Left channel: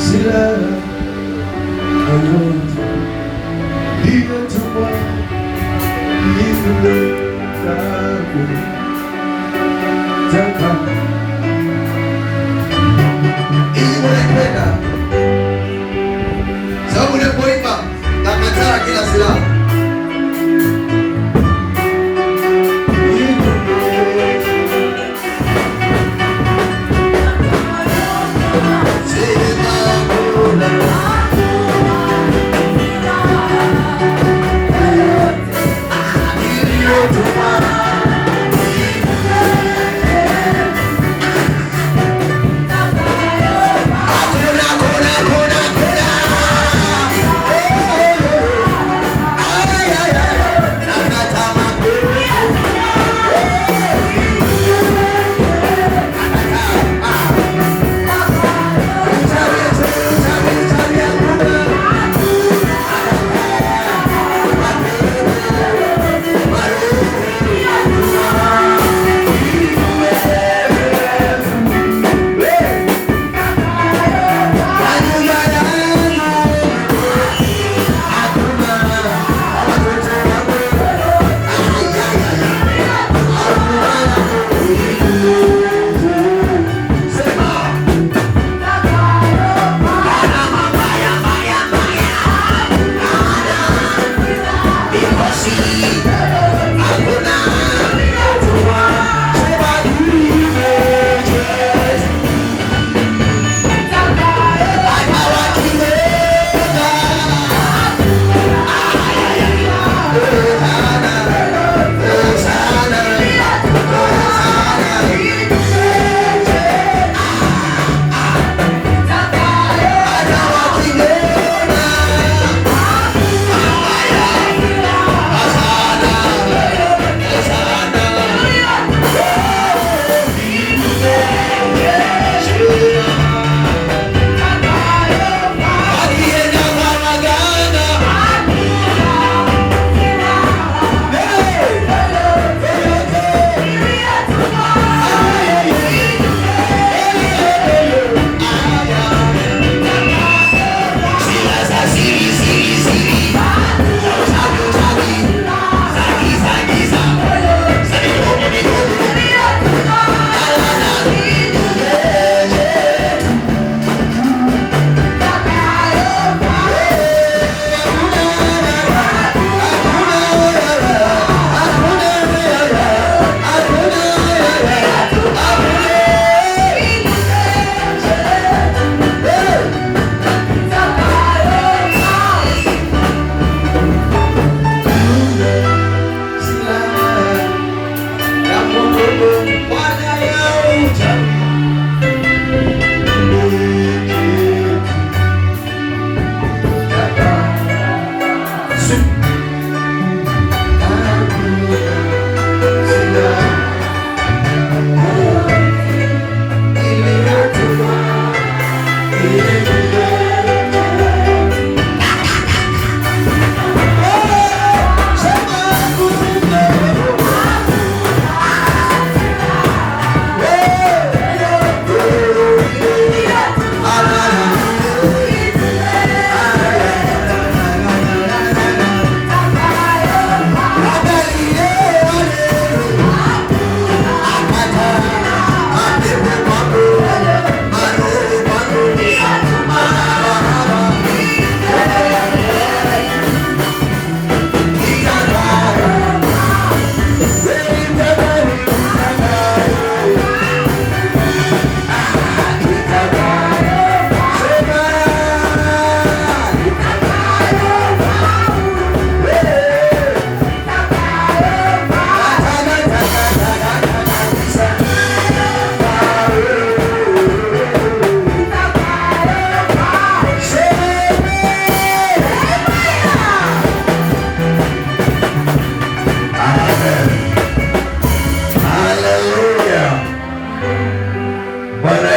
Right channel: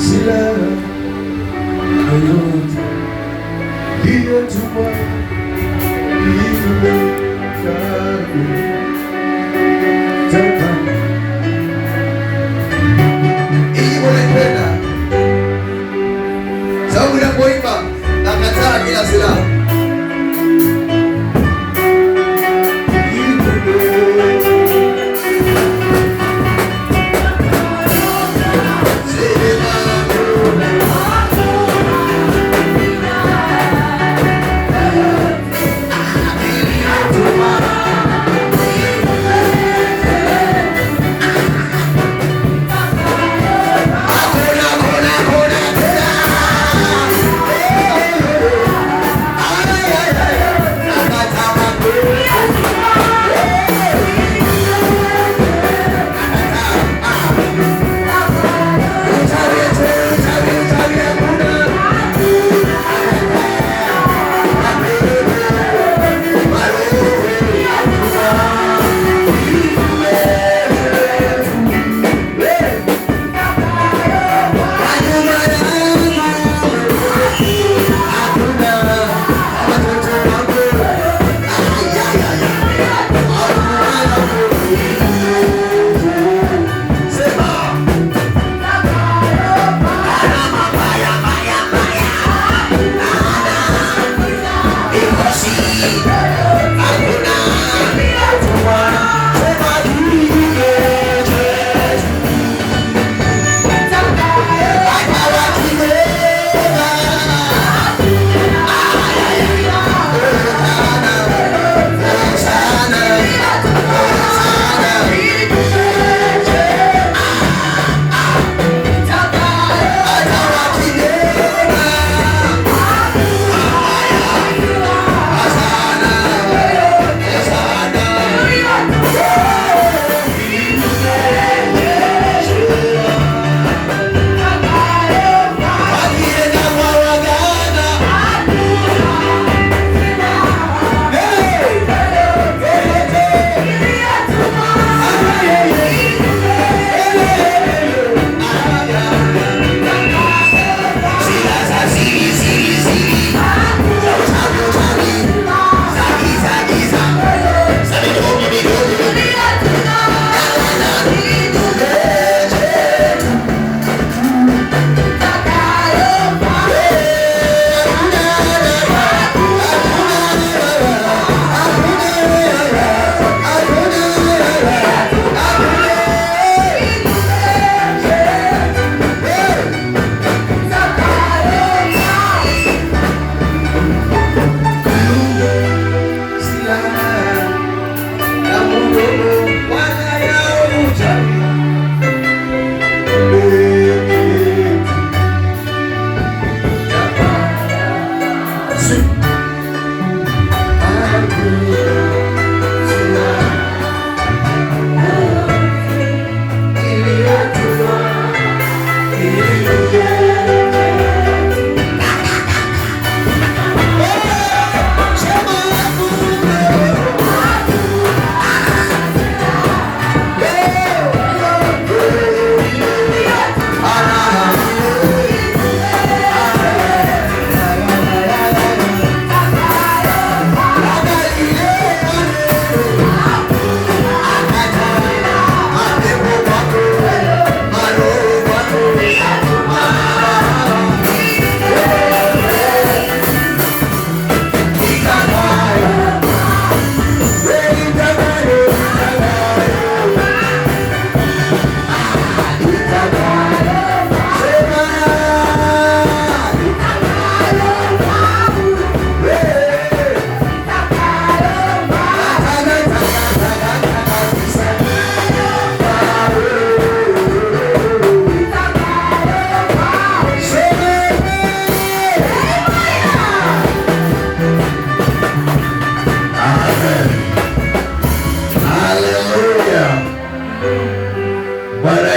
silaha yoyote iliyotumwa kinyume chako. Sababu unapoimba nakataa kila silaha.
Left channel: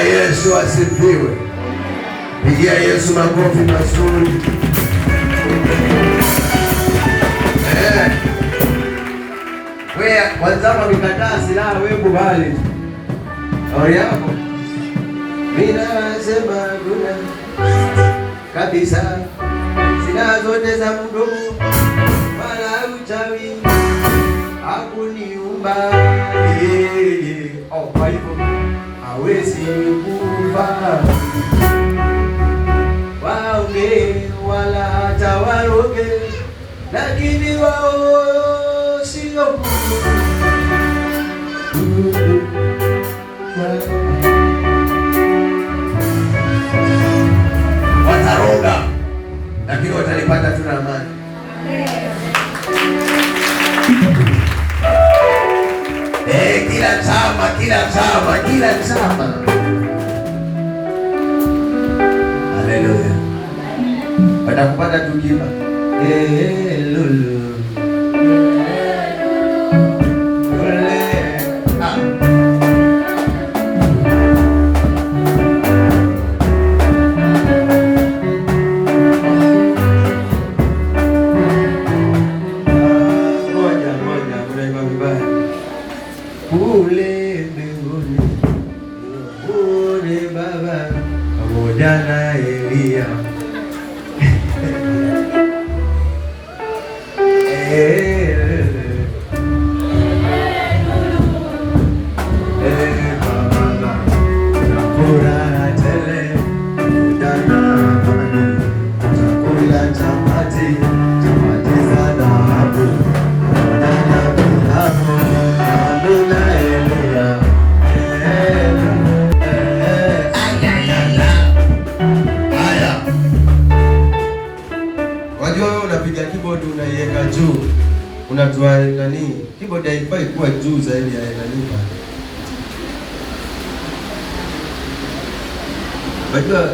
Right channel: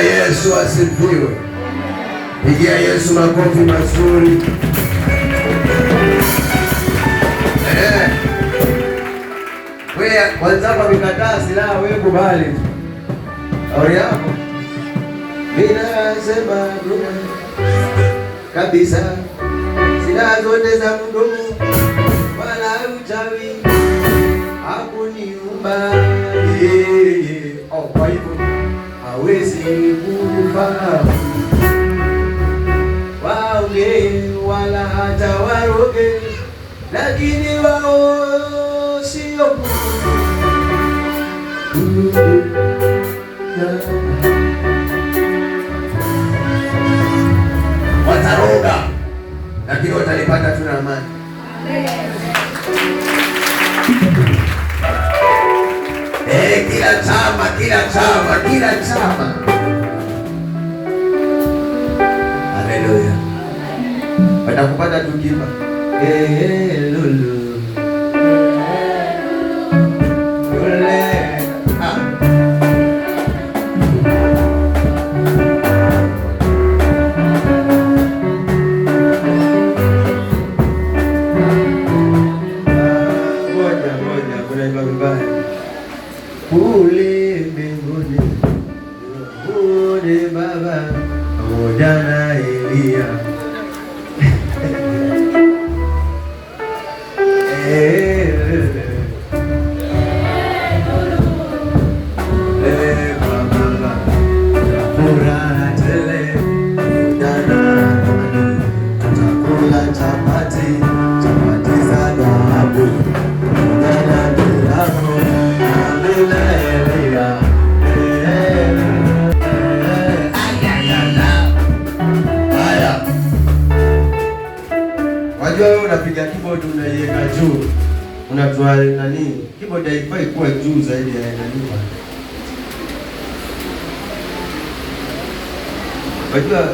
Yesu asifiwe. Pigia Yesu makofi mazuri. Wewe kwanza kwa mikataa silaha, wewe kubali. Shauri yako. ninasema duna kabisa, sina zote za mdomo wala uchawi hakuniumba yeye. Kwa hivyo hawezi kufa waonge wala hata waroge, lakini wao sio wataroga, lakini watanipata tu na amani. Kila chama. Haleluya. Watakupata tukiba. Lulu. Baba pamoja na Elia unapiga keyboard unaiweka juu, unatoa nani, keyboard haifai kuwa juu zaidi ya nani. Unajua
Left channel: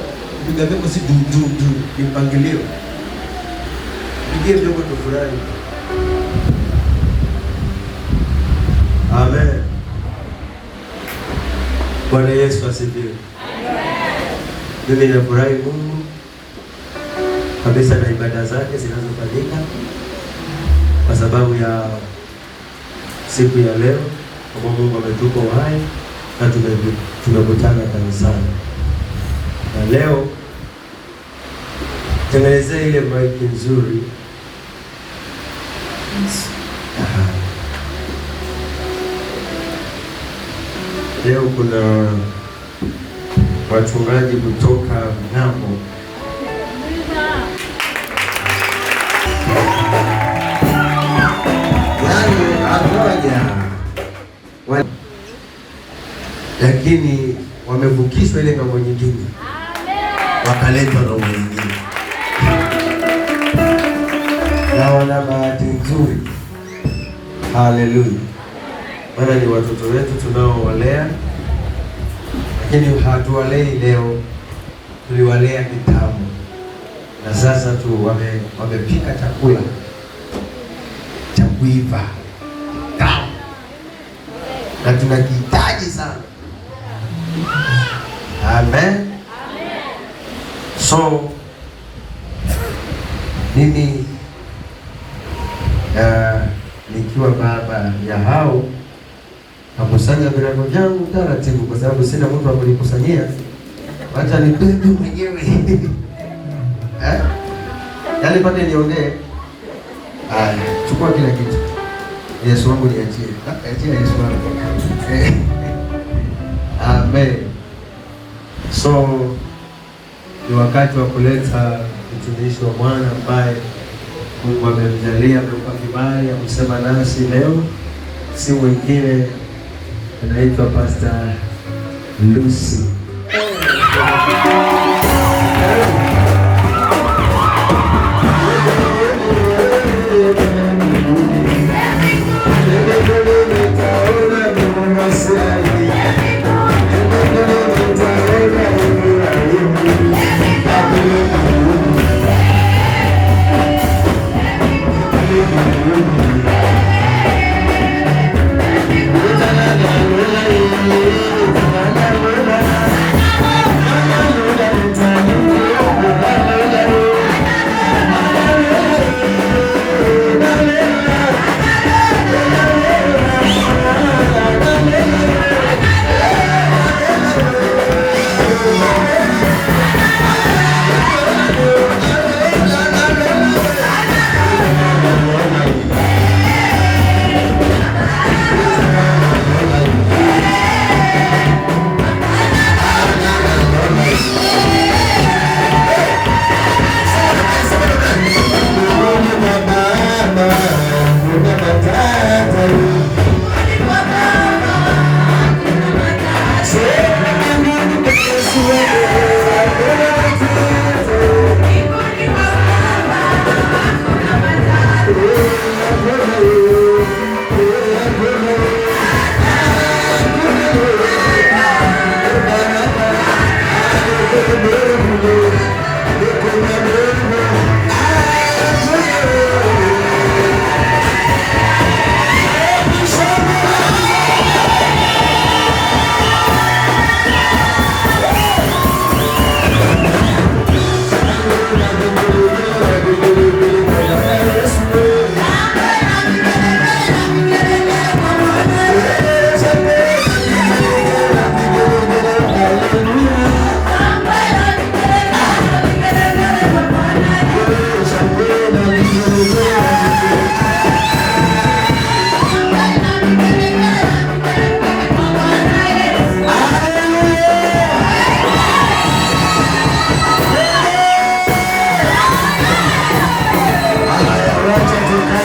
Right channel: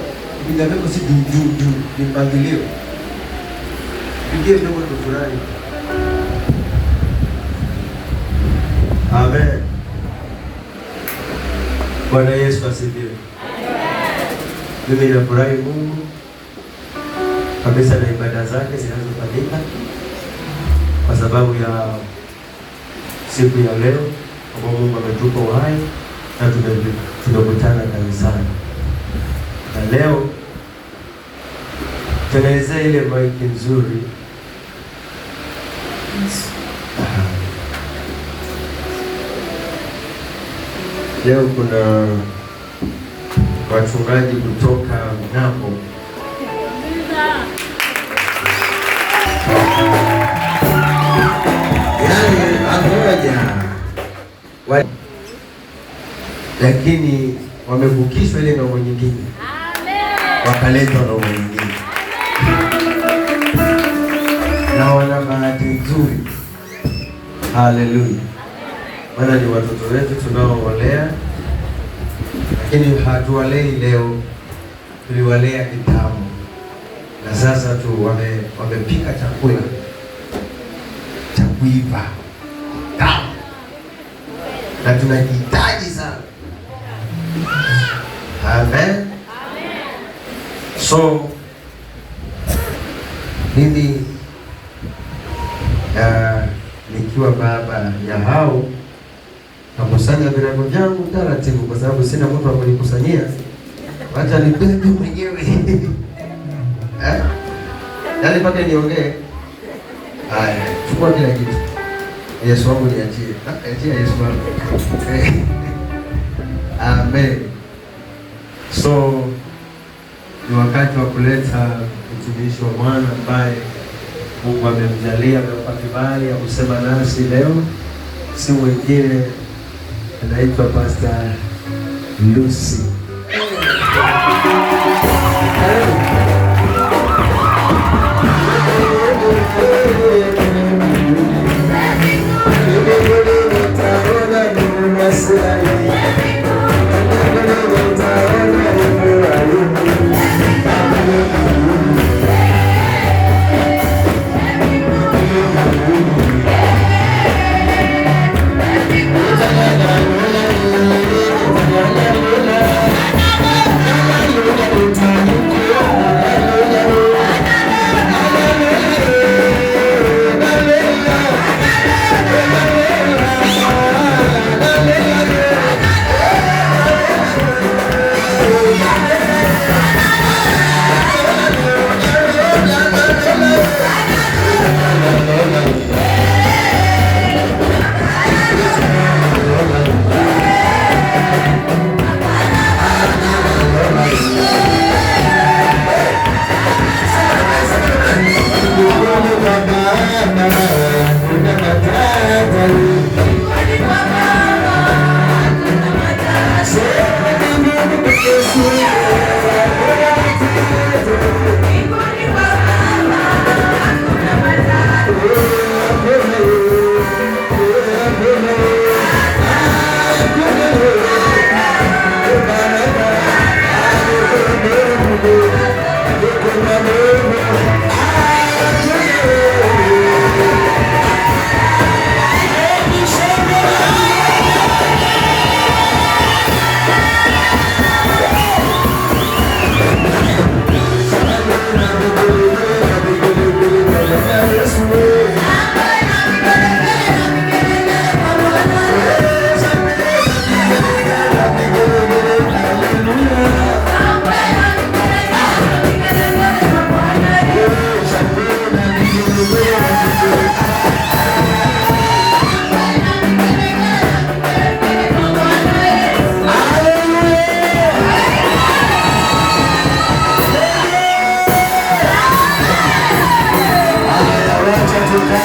piga wimbo si du ni mpangilio. Pigie wimbo fulani. Amen. Bwana Yesu asifiwe. Mimi nafurahi Mungu kabisa na ibada zake zinazofanyika kwa sababu ya siku ya leo, kwa Mungu ametupa uhai na tumekutana kanisani. Na leo tengenezea ile mic nzuri. Leo kuna wachungaji kutoka Mnamo. Lakini wamevukishwa ile ng'ambo nyingine, wakaletwa ng'ambo nyingine, na wana bahati nzuri. Haleluya! Maana ni watoto wetu tunaowalea, lakini hatuwalei leo, tuliwalea kitambo, na sasa tu wamepika chakula cha kuiva na tunakihitaji sana. Amen. So mimi nikiwa baba ya hao nakusanya virago vyangu taratibu, kwa sababu sina mtu wa kunikusanyia, hata nibebe mwenyewe. Yaani mpaka niongee. Haya, chukua kila kitu. Yesu wangu niachie. Achia Yesu wangu. Amen. So ni wakati wa kuleta mtumishi wa Bwana ambaye Mungu amemjalia kwa kibali ya kusema nasi leo. Si mwingine, anaitwa Pastor Lucy.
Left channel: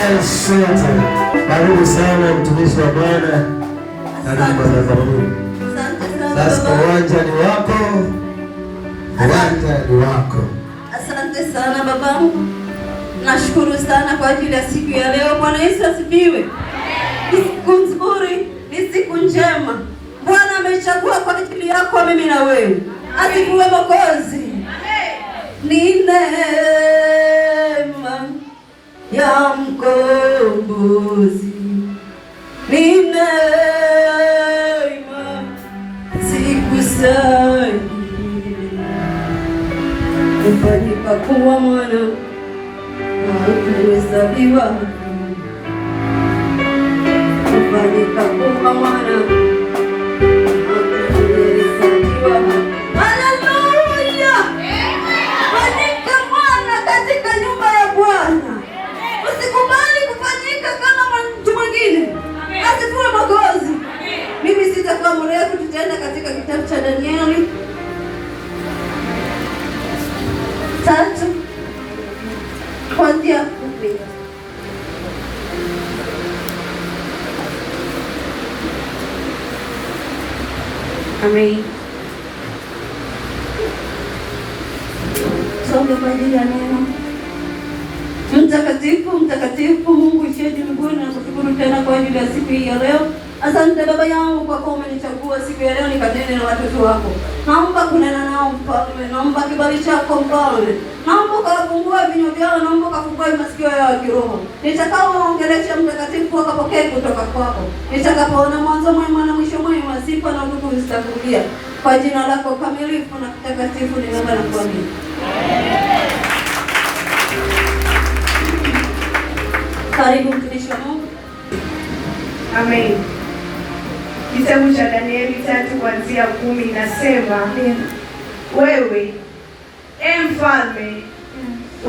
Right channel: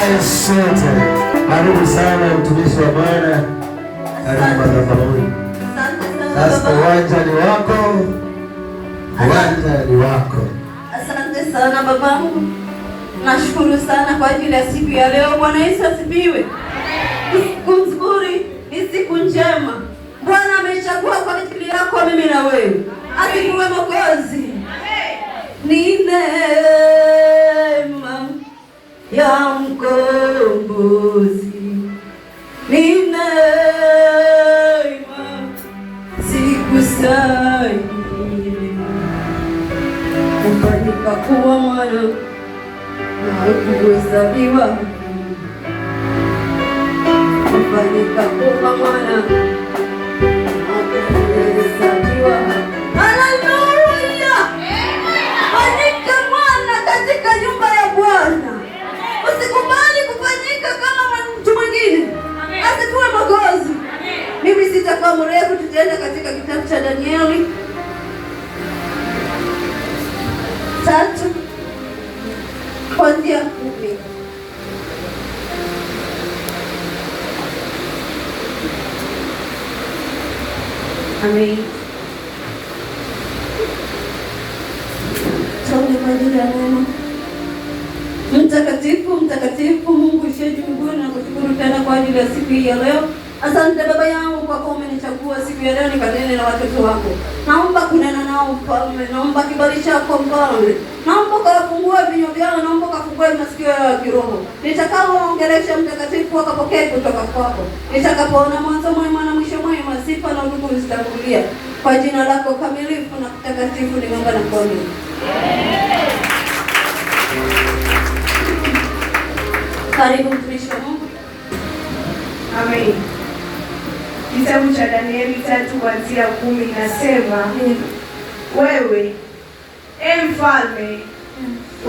Asante. Karibu sana mtumishi wa Bwana. Karibu madhabahuni. Sasa uwanja ni wako. Uwanja ni wako. Asante sana babangu. Nashukuru sana kwa ajili ya siku ya leo. Bwana Yesu asifiwe. Ni siku nzuri, ni siku njema. Bwana amechagua kwa ajili yako mimi na wewe. Asifiwe Mwokozi. Ni neema ya mkombozi. Ni neema sikustahili kufanyika kuwa mwana na kuhesabiwa kufanyika kuwa mwana na kuhesabiwa. Haleluya! Fanyika mwana katika nyumba ya Bwana. Usikubali kufanyika kama mtu mwingine. Asifiwe Mwokozi. Mimi sitakuwa mrefu, tutaenda katika kitabu cha Danieli 3 kuanzia 10. Amen. Tusome kwa ajili ya neno. Mtakatifu, mtakatifu Mungu uliye mbinguni, nakushukuru tena kwa ajili ya siku hii ya leo. Asante Baba yangu kwa kuwa umenichagua siku ya leo nikanene na watoto wako. Naomba kunena nao Mfalme, naomba kibali chako Mfalme. Naomba ukafungua vinywa vyao, naomba ukafungue masikio yao ya kiroho. Nitakaoongelesha Mtakatifu wakapokee kutoka kwako. Nitakapoona mwanzo mwema na mwisho mwema, sifa na nguvu zitakurudia. Kwa jina lako kamilifu na kutakatifu ninaomba na kuamini. Karibu mtumishi wa Mungu. Amen. Kitabu cha Danieli 3 kuanzia 10 inasema, wewe mfalme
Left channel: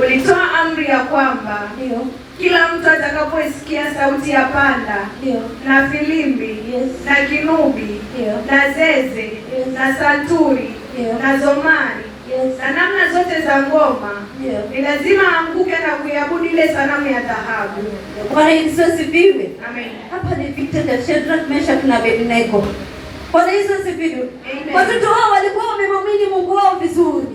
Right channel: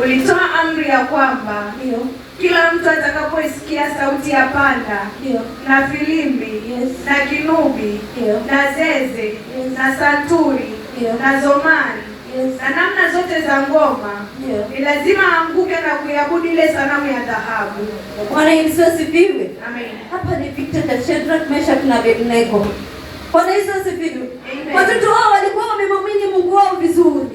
ulitoa amri ya kwamba kila mtu atakapoisikia sauti ya panda na filimbi na kinubi na zeze na santuri na zomari na namna zote za ngoma ni lazima aanguke na kuiabudu ile sanamu ya dhahabu. Bwana Yesu asifiwe. Amen. Hapa ni vita vya Shadrach, Meshach na Abednego. Bwana Yesu asifiwe. Watoto wao walikuwa wamemwamini Mungu wao vizuri.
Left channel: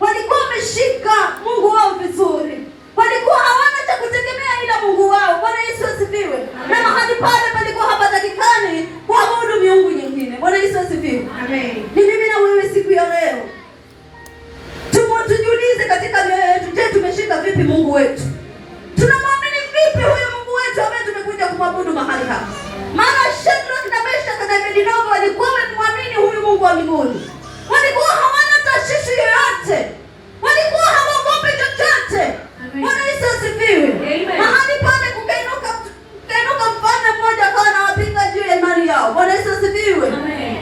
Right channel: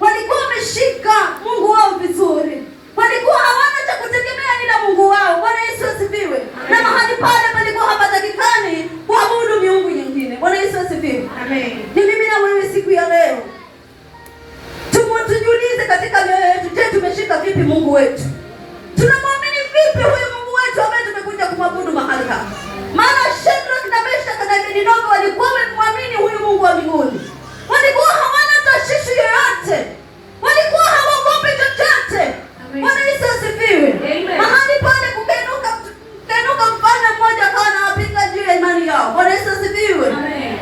Walikuwa wameshika Mungu wao vizuri. Walikuwa hawana cha kutegemea ila Mungu wao. Bwana Yesu asifiwe. Na mahali pale palikuwa hapatakikani kuabudu miungu nyingine. Bwana Yesu asifiwe. Amen. Ni mimi na wewe siku ya leo tujiulize katika mioyo yetu, je, tumeshika vipi Mungu wetu? Tunamwamini vipi huyu Mungu wetu ambaye tumekuja kumwabudu mahali hapa? Maana Shadrach na Meshach na Abednego walikuwa wamemwamini huyu Mungu wa mbinguni. Walikuwa hawana tashwishi yoyote. Walikuwa hawaogopi chochote. Bwana Yesu asifiwe. Mahali pale kukainuka mfalme mmoja akawa anawapinga juu ya imani yao. Bwana Yesu asifiwe. Amen.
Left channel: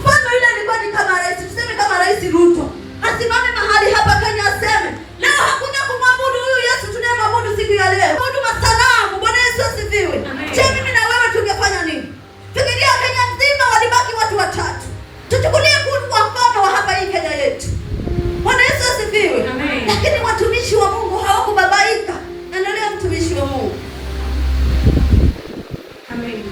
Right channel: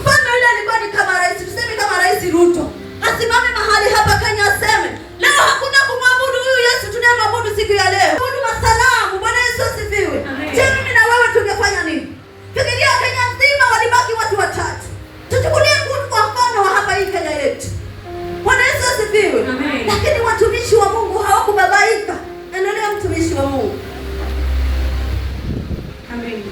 Mfalme yule alikuwa ni kama rais, tuseme kama Rais Ruto. Asimame mahali hapa Kenya aseme, leo hakuna kumwabudu huyu Yesu tunayemwabudu siku ya leo. Abudu masanamu. Bwana Yesu asifiwe. Je, mimi na wewe tungefanya nini? Fikiria Kenya nzima walibaki watu watatu. Tuchukulie kwa mfano wa hapa hii Kenya yetu. Bwana Yesu asifiwe. Lakini watumishi wa Mungu hawakubabaika. Endelea mtumishi wa Mungu. Amen.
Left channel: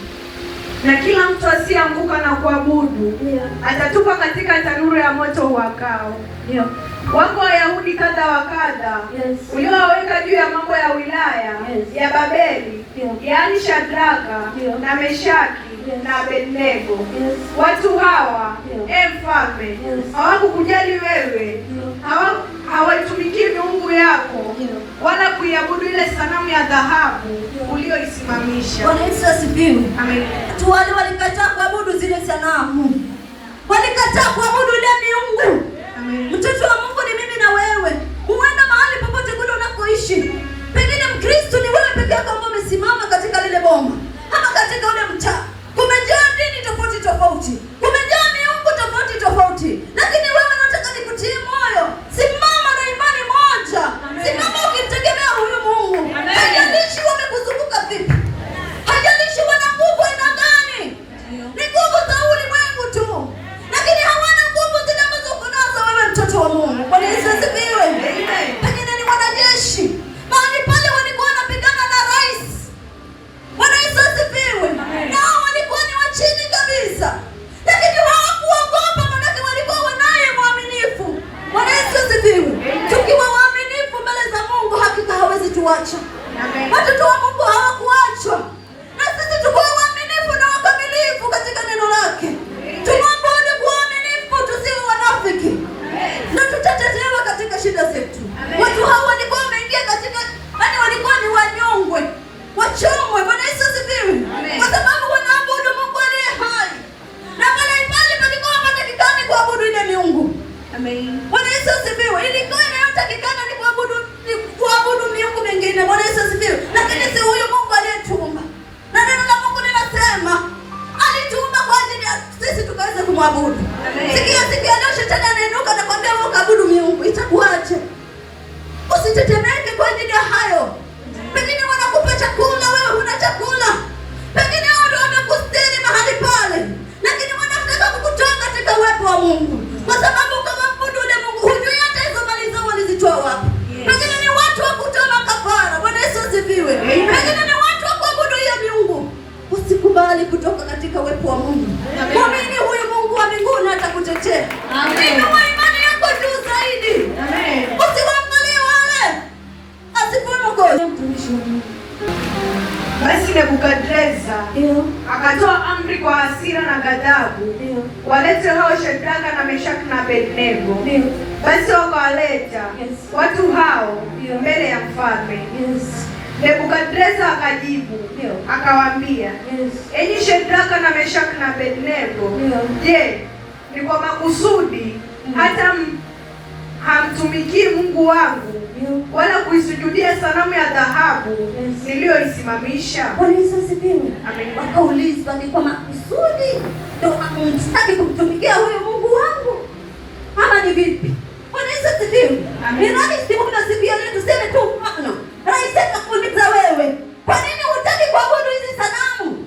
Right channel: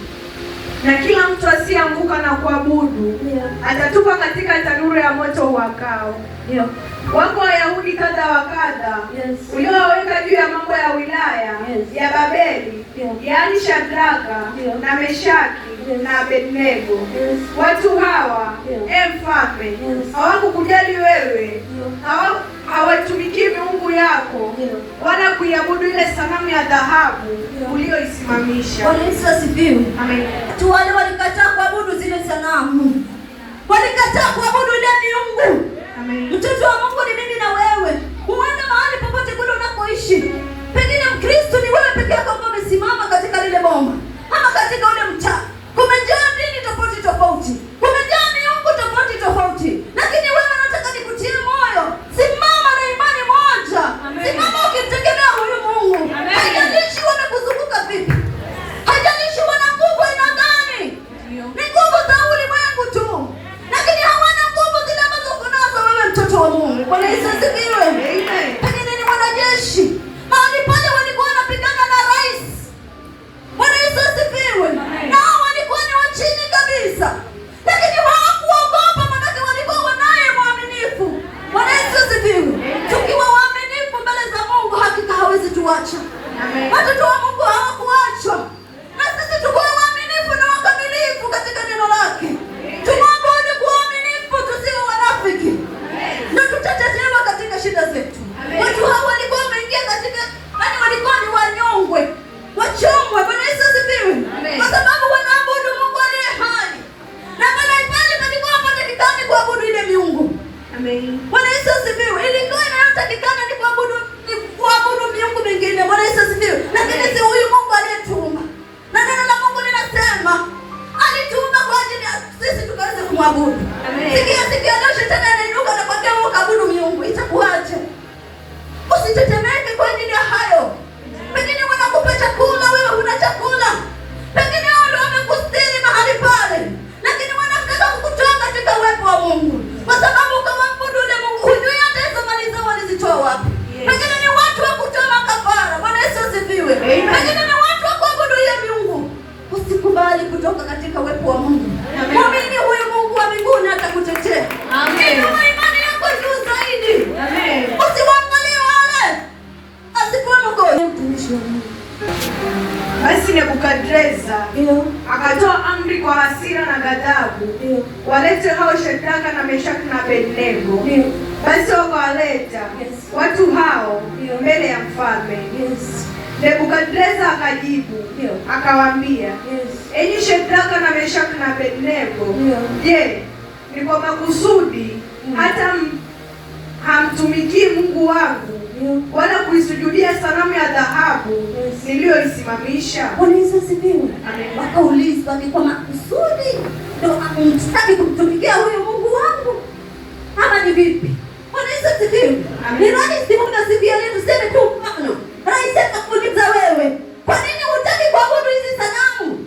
Na kila mtu asiyeanguka na kuabudu atatupwa katika tanuru ya moto uwakao. Wako Wayahudi kadha wa kadha uliowaweka juu ya mambo ya wilaya ya Babeli, yaani Shadraka na Meshaki na Abednego. Watu hawa mfalme hawakukujali wewe, hawatumikii miungu yako wala kuiabudu ile sanamu ya dhahabu uliyoisimamisha. Bwana Yesu asifiwe. Amen. Watu wale walikataa kuabudu zile sanamu. Walikataa kuabudu ile miungu. Amen. Mtoto wa Mungu ni mimi na wewe. Huenda mahali popote kule unapoishi. Pengine Mkristo ni wewe peke yako ambaye umesimama katika lile boma ama katika ule mtaa. Kumejaa dini tofauti tofauti. Kumejaa miungu tofauti tofauti. Lakini wewe unataka nikutie moyo. Simama na imani moja. Simama ukimtegemea huyu Mungu. Haijalishi wamekuzunguka vipi. Haijalishi wana nguvu aina gani. Ni nguvu za ulimwengu tu. Lakini hawana nguvu zile ambazo kunazo wewe mtoto wa Mungu. Bwana Yesu asifiwe. Pengine ni wanajeshi. Mahali pale walikuwa wanapigana na rais kuacha. Watoto wa Mungu hawakuachwa. Na sisi tuko waaminifu na wakamilifu katika neno lake. Tumwabudu kwa uaminifu, tusiwe wanafiki. Na tutatetewa katika shida zetu. Watu hao walikuwa wameingia katika, yaani walikuwa ni wanyongwe, wachomwe. Bwana Yesu asifiwe. Kwa sababu wanaabudu Mungu aliye hai. Na mahali pale palikuwa panatakikana kuabudu ile miungu. Amen. Bwana Yesu asifiwe. Ilikuwa inayotakikana ni kuabudu miungu mingine. Bwana Yesu asifiwe. Lakini si huyu Mungu aliyetuumba. Na neno la Mungu linasema alituumba kwa ajili ya sisi tukaweze kumwabudu. Sikia leo shetani anainuka na kwambia wewe ukaabudu miungu, itakuaje? Usitetemeke kwa ajili ya hayo. Pengine wanakupa chakula, wewe huna chakula. Pengine hao ndio wamekustiri mahali pale. Lakini wanataka kukutoa katika uwepo wa Mungu. Kwa sababu kama mwabudu ule Mungu, hujui hata hizo mali zao walizitoa wapi. Pengine ni watu wa kutoa makafara. Bwana Yesu asifiwe. Pengine ni watu wa kuabudu hiyo miungu. Usikubali kutoka katika uwepo wa Mungu. Mwamini huyu Mungu wa mbinguni atakutetea. Amen. Inua imani yako juu zaidi. Amen. Usiwaangalie wale. Asikuwe mgonjwa. Basi Nebukadreza akatoa amri kwa hasira na ghadhabu, walete hao Shadraka na Meshaki na Abednego. Basi wakawaleta watu hao mbele ya mfalme. Nebukadreza akajibu akawaambia, enyi Shadraka na Meshaki na Abednego, je, ni kwa makusudi hata hamtumikii Mungu wangu wala kuisujudia sanamu ya dhahabu niliyoisimamisha? Bwana Yesu asifiwe. Wakaulizwa, ni kwa makusudi ndio hamtaki kumtumikia huyo Mungu wangu ama ni vipi? Bwana Yesu asifiwe. Ni rahisi kuna siku ya leo tuseme tu mfano. Rahisi akakuuliza wewe, kwa nini hutaki kuabudu hizi sanamu?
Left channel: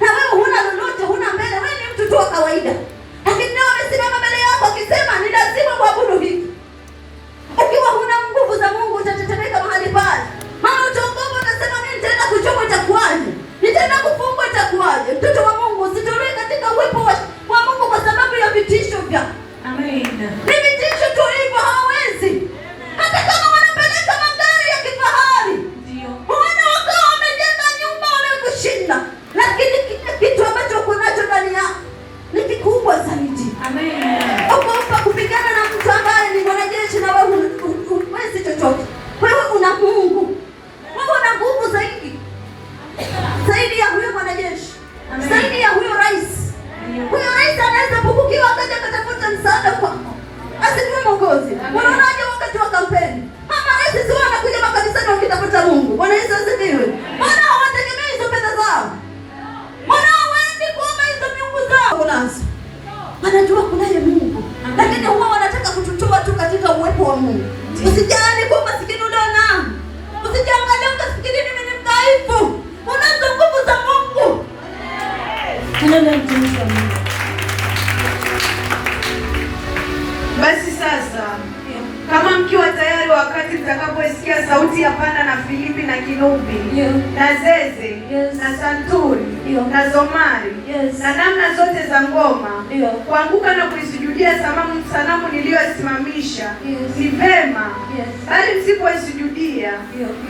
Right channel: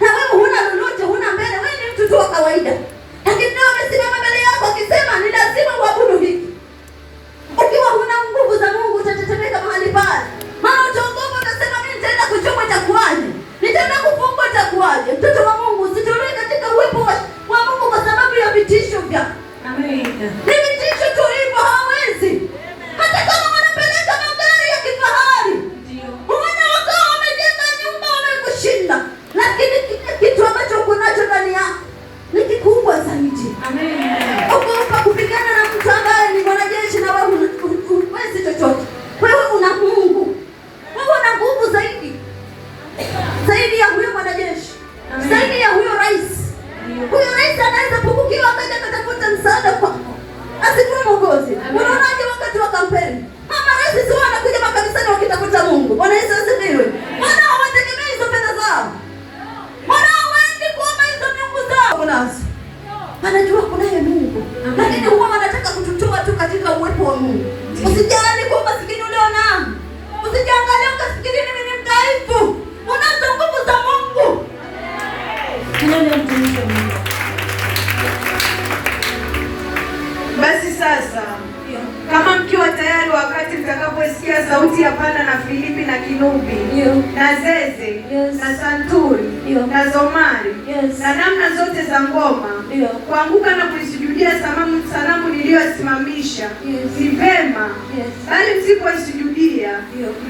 Na wewe huna lolote, huna mbele, wewe ni mtu tu wa kawaida. Lakini leo amesimama mbele yako akisema ni lazima kuabudu hiki. Ukiwa huna nguvu za Mungu utatetemeka mahali pale. Maana utaogopa, utasema mimi nitaenda kuchomwa itakuwaje? Nitaenda kufungwa itakuwaje? Mtoto wa Mungu, usitolee katika uwepo wa Mungu kwa sababu ya vitisho vyako. Amen. Ni vitisho tu hivyo, hawezi. Hata kama wanapeleka magari ya kifahari. Ndio. Wana wakawa wamejenga nyumba wamekushinda. Lakini kile kitu ambacho uko nacho ndani yako ni kikubwa zaidi. Amen. Ogopa kupigana na mtu ambaye ni mwanajeshi na wewe huwezi chochote. Wewe una Mungu. Wewe una nguvu zaidi ya huyo mwanajeshi. Zaidi ya huyo rais. Huyo rais anaweza kukukiwa akaja kutafuta msaada kwako. Asikuwe mwongozi. Unaonaje wakati wa kampeni? Mama rais sio anakuja makanisani wakitafuta Mungu. Bwana Yesu asifiwe. Maana hawategemei hizo pesa zao. Maana hawaendi kuomba hizo miungu zao. Unaanza. Wanajua kunaye Mungu. Lakini huwa wanataka kututoa tu katika uwepo wa Mungu. Usijali kwa maskini uliona. Usijiangalie ukafikiri mimi ni mdhaifu. Unazo nguvu za Mungu. Basi sasa kama mkiwa tayari, wakati mtakaposikia sauti ya panda na filipi na kinubi na zeze na santuri na zomari na namna zote za ngoma, kuanguka na kuisujudia sanamu niliyosimamisha ni vema. Bali msipoisujudia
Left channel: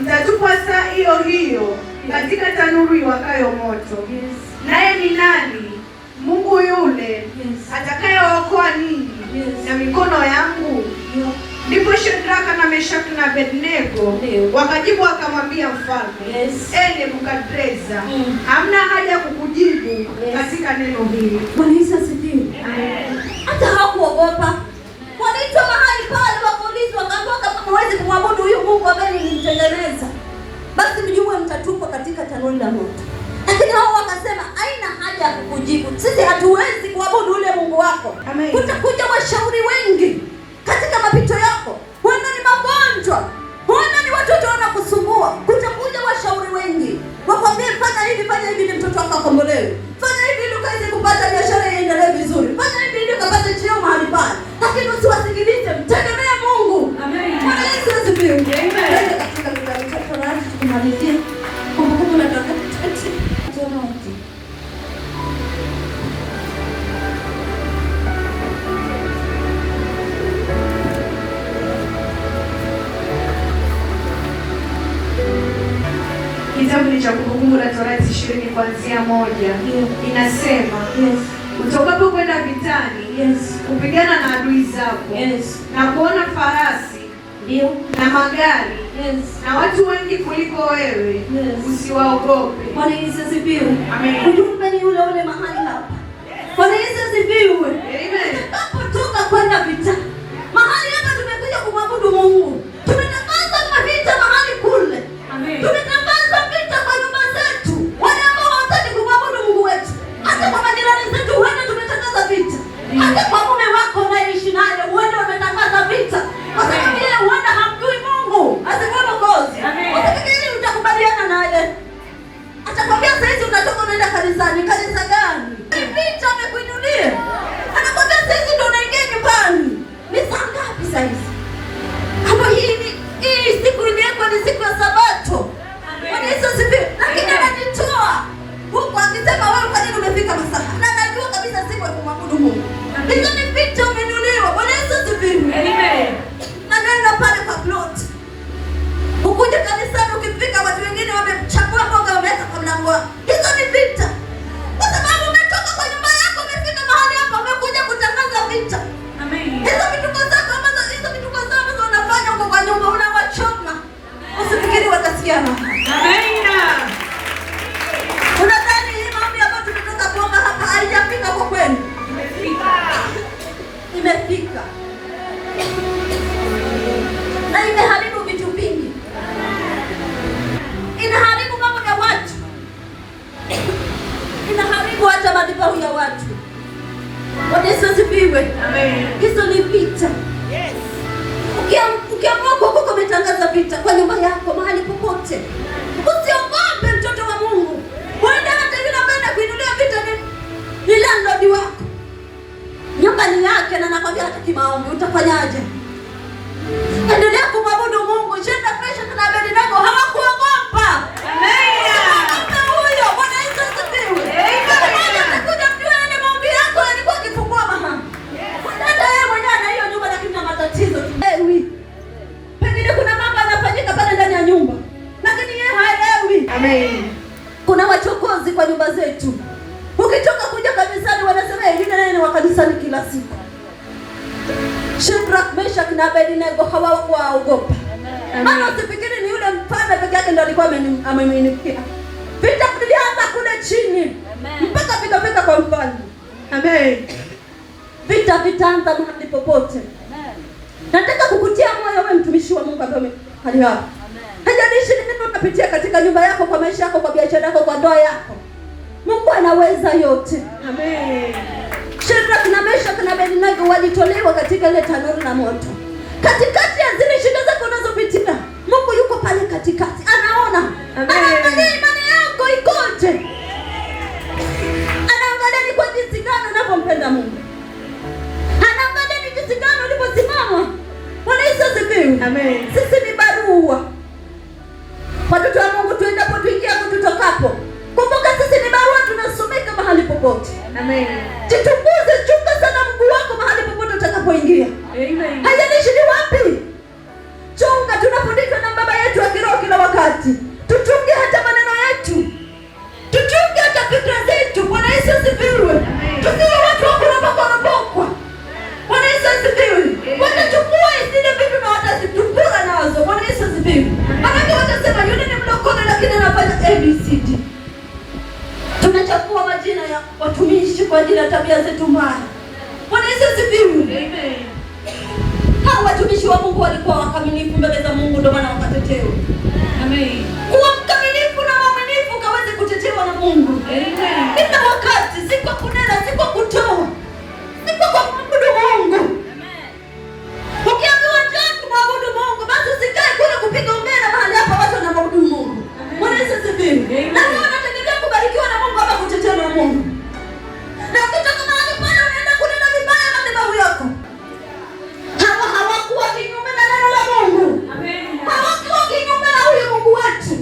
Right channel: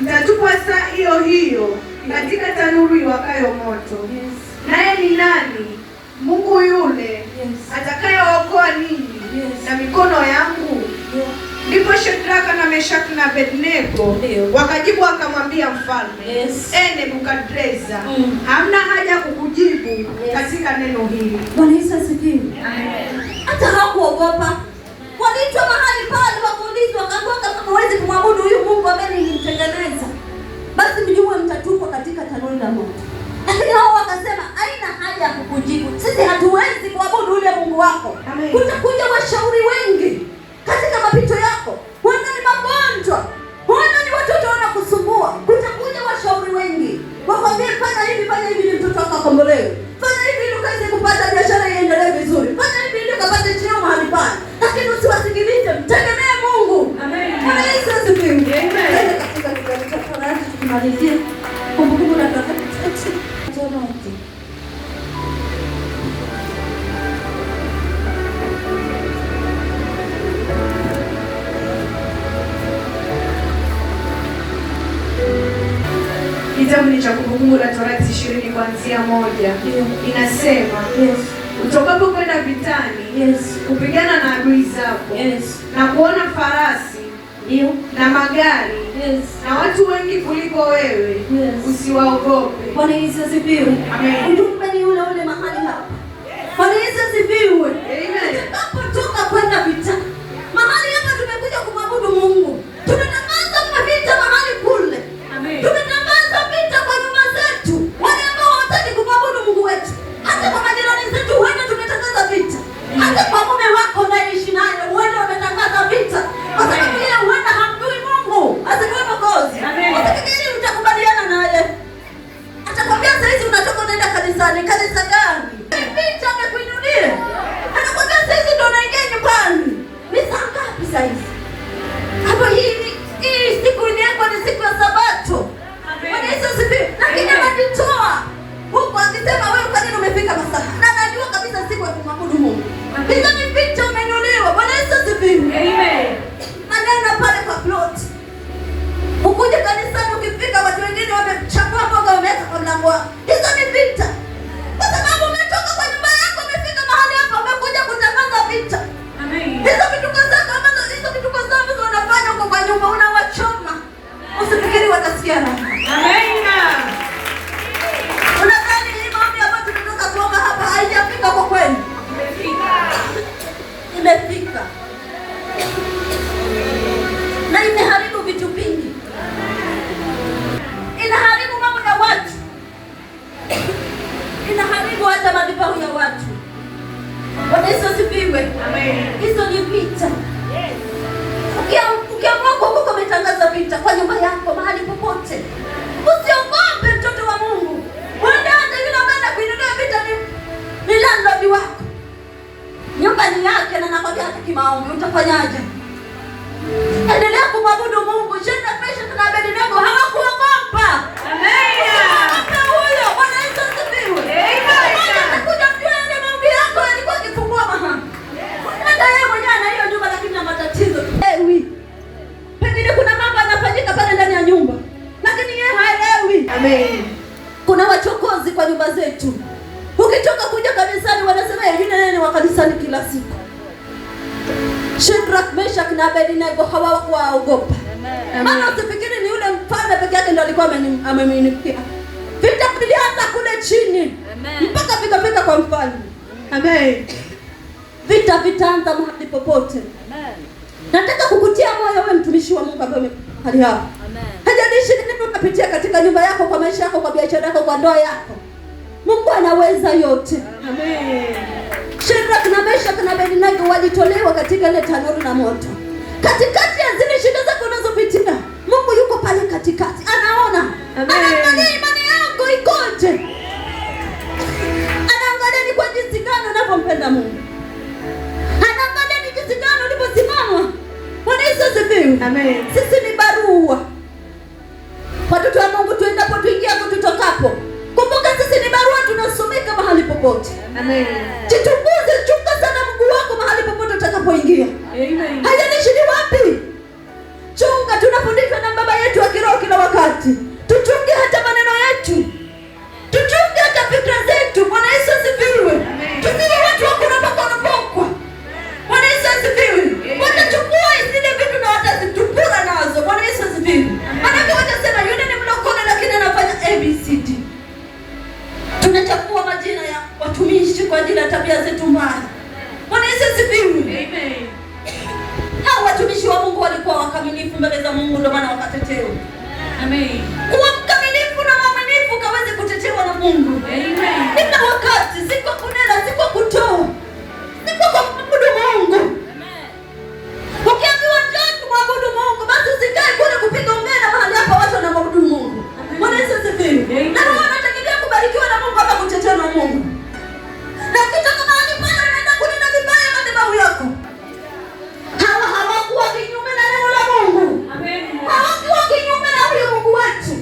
mtatupwa saa hiyo hiyo katika tanuru iwakayo moto. Naye ni nani Mungu yule atakayewaokoa ninyi na mikono yangu? Ndipo Shadraka na Meshaki na Abednego wakajibu wakamwambia mfalme, Nebukadreza, hamna haja kukujibu katika neno hili. Bwana Yesu asifiwe. Hata hawakuogopa. Waliitwa mahali pale wakaulizwa, wakaambiwa kama hawezi kumwabudu huyu Mungu ambaye nilimtengeneza, basi mjue mtatupwa katika tanuru la moto. Lakini hao wakasema haina haja ya kukujibu. Sisi hatuwezi kuabudu ule Mungu wako. Kutakuja washauri wengi katika mapito yako. Huenda ni magonjwa, huenda ni watoto wanakusumbua. Kutakuja washauri wengi. Wakwambia fanya hivi ni mtoto wako akombolewe. Fanya hivi ili ukaweze kupata biashara iendelee vizuri. Fanya hivi ili ukapate cheo mahali pale. Lakini usiwasikilize, mtegemea Mungu. Amen. Bwana Yesu asifiwe. Amen. Katika kitabu cha Torati tukimalizia Kumbukumbu la Torati. Kitabu ni cha Kumbukumbu la Torati 20 kuanzia 1. Inasema, utokapo kwenda vitani, kupigana na adui zako, na kuona farasi na magari na watu wengi kuliko wewe, usiwaogope. Bwana Yesu asifiwe. Amen. Ujumbe ni ule ule mahali hapa. Bwana Yesu asifiwe. Amen. Tunapotoka kwenda vita, mahali hapa tumekuja kumwabudu Mungu. Tunatangaza vita mahali kule. Amen. Tunatangaza vita kwa nyumba zetu. Wale ambao hawataki kumwabudu Mungu wetu. Hata kwa majirani zetu huenda tumetangaza vita. Hata kwa mume wako unaishi naye huenda umetangaza vita. Kwa sababu yeye huenda hamjui Mungu. Asikuwe Mwokozi. Usifikiri utakubaliana naye. Atakwambia sasa hizi unatoka unaenda kanisani. Kanisa gani? Vita amekuinulia. Anakwambia sasa hizi ndio unaingia nyumbani. Ni saa ngapi sasa hizi? Hapo hii siku iliyoko ni siku ya Sabato. Bwana Yesu asifiwe. Lakini anajitoa huko akisema wewe kwa nini umefika masaa? Na anajua kabisa siku ya kumwabudu Mungu. Hizo ni vita umeinuliwa. Bwana Yesu asifiwe. Amen. Anaenda pale kwa plot. Ukuja kanisani ukifika watu wengine wamechagua mboga wameweka kwa mlango wako. Hizo ni vita. Kwa sababu umetoka kwa nyumba yako umefika mahali hapa umekuja kutangaza vita. Amen. Hizo vituko zako ambazo wanafanya huko kwa nyumba unawachoma. Usifikiri watasikia. Amen. Unadhani hii maombi ambayo tulitoka kuomba hapa haijafika kwa kweli? Imefika. Na imeharibu vitu vingi. Inaharibu mambo ya watu. Inaharibu hata madhabahu ya watu. Bwana Yesu asifiwe. Amen. Hizo ni vita. Ukiamua kwa umetangaza vita kwa nyumba yako mahali popote. Usiogope mtoto wa Mungu. Wanda hata yule ambaye anakuinulia vita ni landlord wako. Nyumba ni yake na nakwambia hata kimaombi utafanyaje? Endelea kumwabudu Mungu. Shenda presha na Abednego hawakuogopa. Amen. Huyo Bwana Yesu asifiwe. Anakuja mjua yale maombi yako yalikuwa kifungua mahali. Hata yeye mwenyewe ana hiyo nyumba lakini na matatizo. Pengine kuna mambo yanafanyika pale ndani ya nyumba. Lakini yeye haelewi. Amen. Kuna wachokozi kwa nyumba zetu. Ukitoka kuja kanisani wanasema yeye ni wa kanisani kila siku. Shadrach, Meshach na Abednego hawakuogopa. Maana usifikiri ni yule mfalme peke yake ndio alikuwa ameminikia. Vita vilianza kule chini. Mpaka vikafika kwa mfalme. Amen. Vita vitaanza mahali popote. Nataka kukutia moyo wewe mtumishi wa Mungu ambaye hali hapa. Hajalishi nini unapitia katika nyumba yako, kwa maisha yako, kwa biashara yako, kwa ndoa yako. Mungu anaweza yote. Amen. Shadrach na Meshach na Abednego walitolewa katika ile tanuru na moto. Katikati ya zile shida zako unazopitia, Mungu yuko pale katikati. Anaona. Anaangalia imani yako ikoje. Anaangalia ni kwa jinsi gani unavyompenda Mungu. Anaangalia ni jinsi gani uliposimama. Bwana Yesu asifiwe. Amen. Sisi ni barua. Watoto wa Mungu tuendapo tuingiapo tutokapo. Kumbuka sisi ni barua tunasomeka mahali popote. Amen. Jitukuze, chunga sana mguu wako mahali popote utakapoingia. Amen. Haijalishi ni wapi. Chunga, tunafundishwa na baba yetu wa kiroho kila wakati. Tuchunge hata maneno yetu. Tuchunge hata fikra zetu. Bwana Yesu asifiwe. Tusiwe watu wa kuropoka. Bwana Yesu asifiwe. Watachukua zile vitu na watazitupura nazo. Bwana Yesu asifiwe. Maana watasema yule ni mlokole lakini anafanya ABCD. Tunachukua majina ya watumishi kwa ajili ya tabia zetu mbaya. Bwana Yesu asifiwe. Amen. Hao watumishi wa Mungu walikuwa wakamilifu mbele za Mungu ndio maana wakatetewa. Amen. Kuwa mkamilifu na mwaminifu kaweze kutetewa na Mungu. Amen. Ndio wakati si kwa kunena, si kwa kutoa. Si kwa kumwabudu Mungu. Amen. Ukiambiwa njoo kumwabudu Mungu, basi usikae kule kupiga umbea mahali hapa watu wanamwabudu Mungu. Bwana Yesu asifiwe. Na wanategemea kubarikiwa na Mungu hapa kutetewa na Mungu. Na ukitoka mahali pale unaenda kunena vibaya madhabahu yako. Hawakuwa kinyume na neno la Mungu. Amen. Hawakuwa kinyume na huyo Mungu wetu.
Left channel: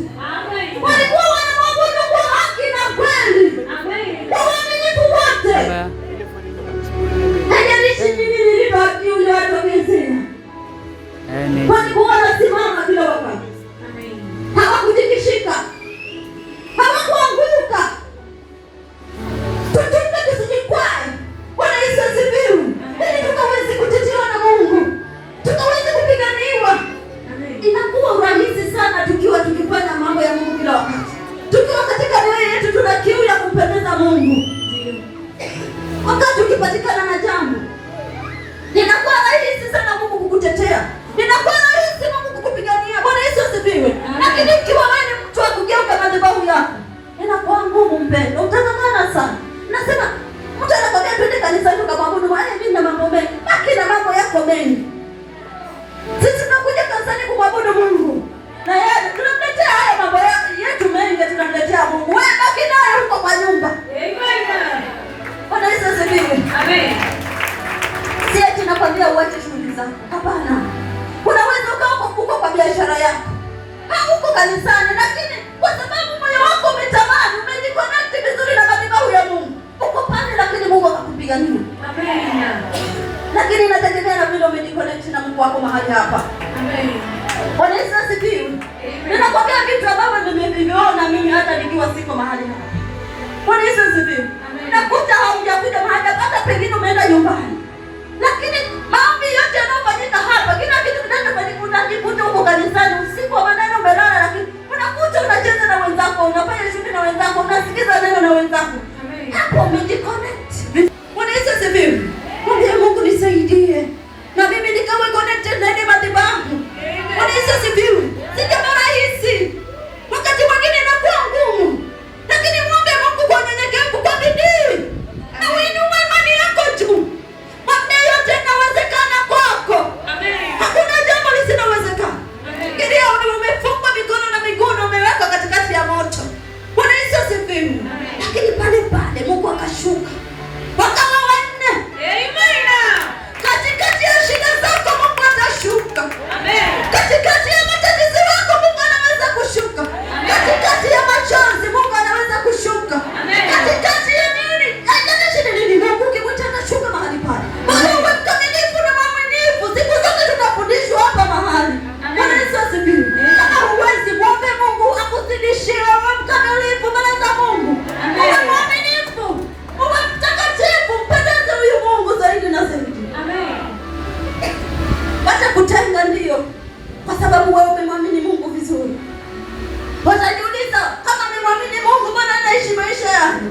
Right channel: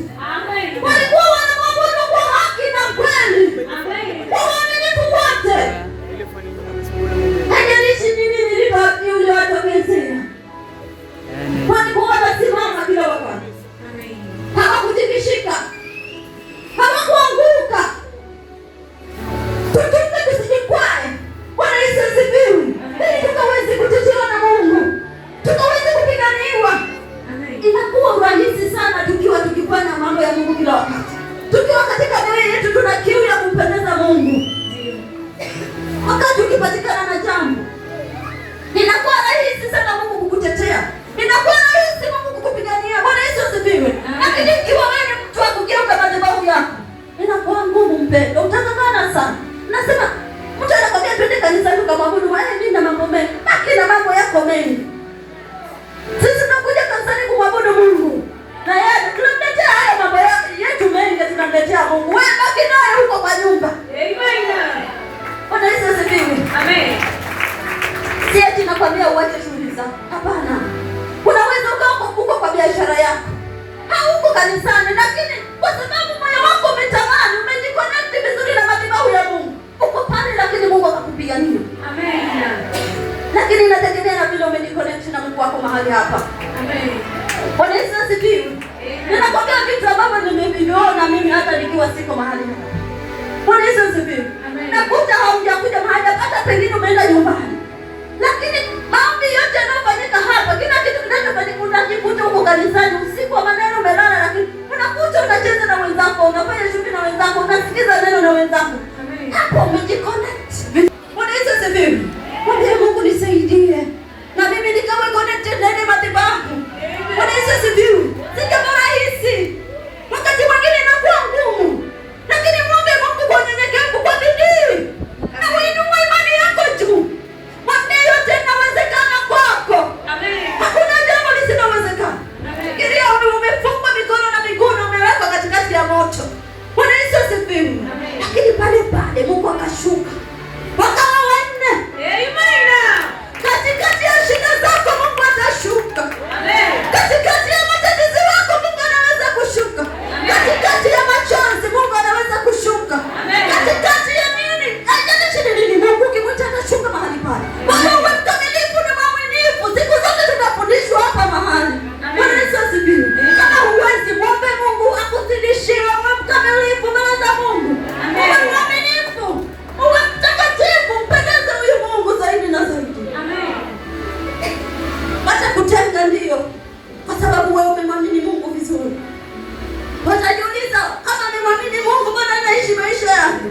biashara yako, hauko kanisani, lakini kwa sababu moyo wako umetamani, umejiconnect vizuri na madhabahu ya Mungu, uko pale, lakini Mungu akakupigania. Amen. Lakini inategemea na vile umejiconnect na Mungu wako mahali hapa. Amen. Bwana Yesu asifiwe. Ninakwambia vitu ambavyo nimeviona mimi hata nikiwa siko mahali hapa. Bwana Yesu asifiwe. Nakuta haujakuja mahali hata pengine umeenda nyumbani. Lakini maombi yote yanayofanyika hapa, kila kitu kinachofanyika unajikuta huko kanisani usiku wa maneno umelala, lakini unakuta unacheza na wenzako, unafanya shughuli na wenzako, unasikiza neno na wenzako. Hapo umejiconnect. Bwana Yesu asifiwe. Mwambie Mungu nisaidie. Na mimi nikawe connected na ile madhabahu. Bwana Yesu asifiwe. Si kama rahisi. Wakati mwingine inakuwa ngumu. Lakini mwombe Mungu kwa unyenyekevu, kwa bidii. Na uinue imani yako juu. Mwambie yote inawezekana kwako. Amen. Hakuna jambo lisilowezekana. Amen. Kilia umefungwa mikono na miguu na umewekwa katikati ya moto. Bwana Yesu asifiwe. Lakini pale pale Mungu akashuka. Wakawa wanne. Amen. Katikati ya shida zako Mungu atashuka. Amen. Katikati ya matatizo yako Mungu anaweza kushuka. Amen. Katikati ya machozi Mungu anaweza kushuka. Amen. Katikati ya nini? Haijalishi ni nini, Mungu ukimwita anashuka mahali pale. Bwana uwe mkamilifu na mwaminifu. Siku zote tunafundishwa hapa mahali. Bwana Yesu asifiwe. Kama huwezi, mwombe Mungu akuzidishie, uwe mkamilifu mbele za Mungu. Uwe mwaminifu. Uwe mtakatifu, mpendeze huyu Mungu zaidi na zaidi. Amen. Wacha kutenga ndio, kwa sababu wewe umemwamini Mungu vizuri. Watajiuliza kama nimwamini Mungu mbona naishi maisha yangu?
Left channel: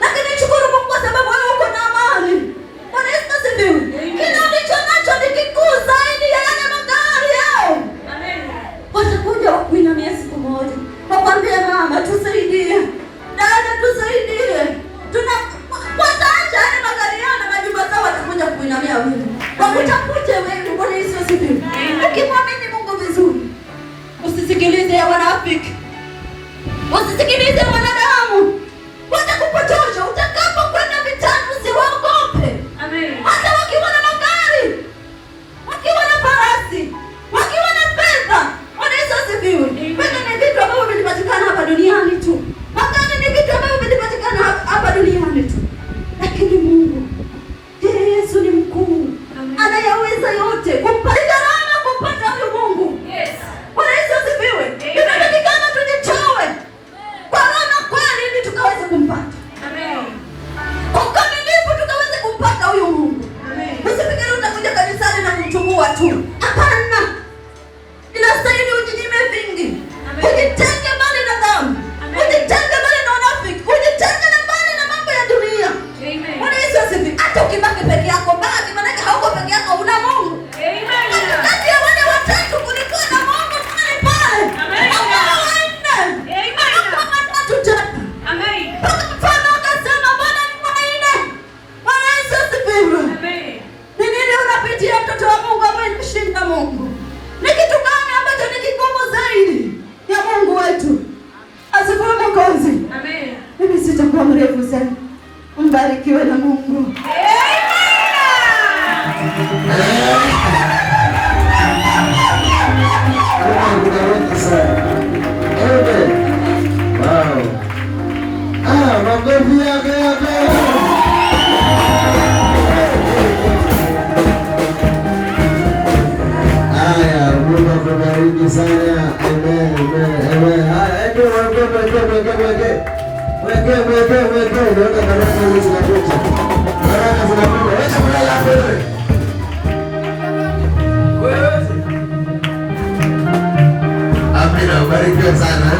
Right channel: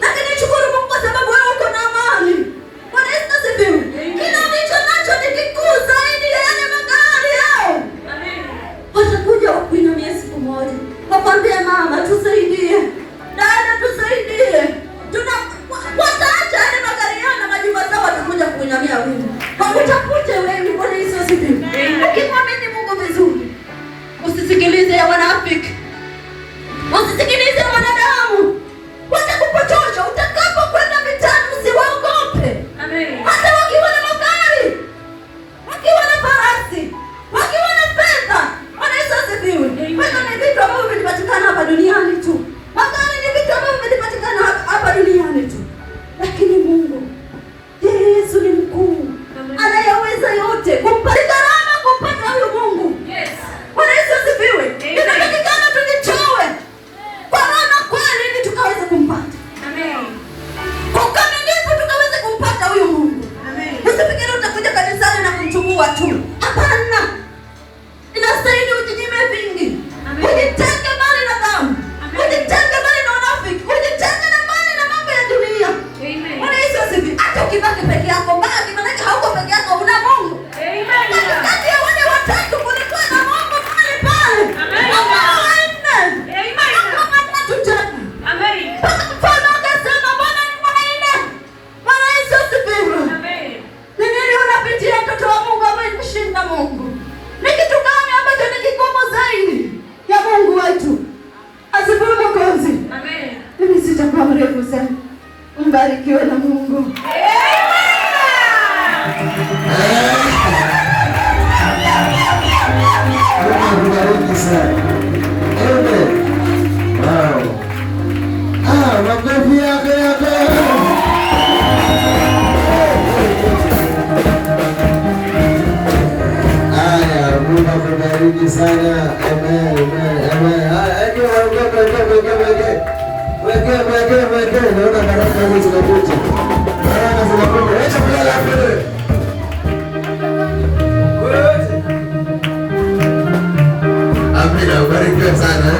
Lakini shukuru Mungu kwa sababu wewe uko na amani. Bwana Yesu asifiwe. Kila ulicho nacho ni kikuu zaidi ya yale magari yao. Amen. Watakuja wakuinamia siku moja, wakwambie mama tusaidie, dada tusaidie. Wataacha yale magari yao na majumba zao, watakuja kuinamia wewe, wakutafute wewe. Bwana Yesu asifiwe. Ukimwamini Mungu vizuri, usisikilize ya wanafiki, usisikilize wanadamu, watakupotosha. Utakapokwenda vitani usiwaogope. Amen. Hata wakiwa na magari, wakiwa na farasi, wakiwa na fedha. Bwana Yesu asifiwe. Fedha ni vitu ambavyo vinapatikana hapa duniani tu. Magari ni vitu ambavyo vinapatikana hapa duniani tu. Lakini Mungu, Yesu ni mkuu. Anayaweza yote. Kumpata gharama kumpata huyu Mungu. Yes. Bwana Yesu asifiwe. Inatakikana tujitoe kwa roho kweli ili tukaweze kumpata. Amen. Kwa ukamilifu tukaweze kumpata huyu Mungu. Amen. Usifikiri utakuja kanisani na kumchukua tu. Hapana. Inastahili ujinyime vingi. Amen. Ujitenge mbali na dhambi. Ujitenge mbali na unafiki. Ujitenge mbali na mambo ya dunia. Amen. Bwana Yesu asifiwe. Hata ukibaki peke yako, baki, maana hauko peke yako, una Mungu. Amen. Kati ya wale watatu kulikuwa na Mungu pale pale. Amen. Amen. Kama tatu tatu. Amen. Mfano akasema Bwana ni mwanaume. Bwana Yesu asifiwe. Amen. Ni nini unapitia mtoto wa Mungu ambaye mshinda Mungu? Ni kitu gani ambacho ni kigumu zaidi ya Mungu wetu? Asifiwe Mwokozi. Amen. Mimi sitakuwa mrefu sana. Mbarikiwe na Mungu. Amen. Makofi yake. Haya, Mungu akubariki sana. Amen, amen, amen. Haya, ndio weke. Naona baraka hizi zinakuja. Baraka zinakuja. Wacha kulala wewe. Amina, barikiwa sana.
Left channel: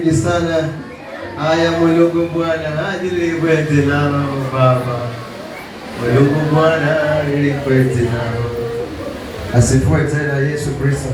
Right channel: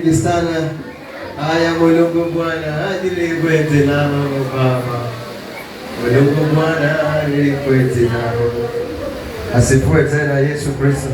mingi sana. Haya Mulungu Bwana nilikwete nao Baba. Mulungu Bwana nilikwete nao. Asifiwe tena Yesu Kristo.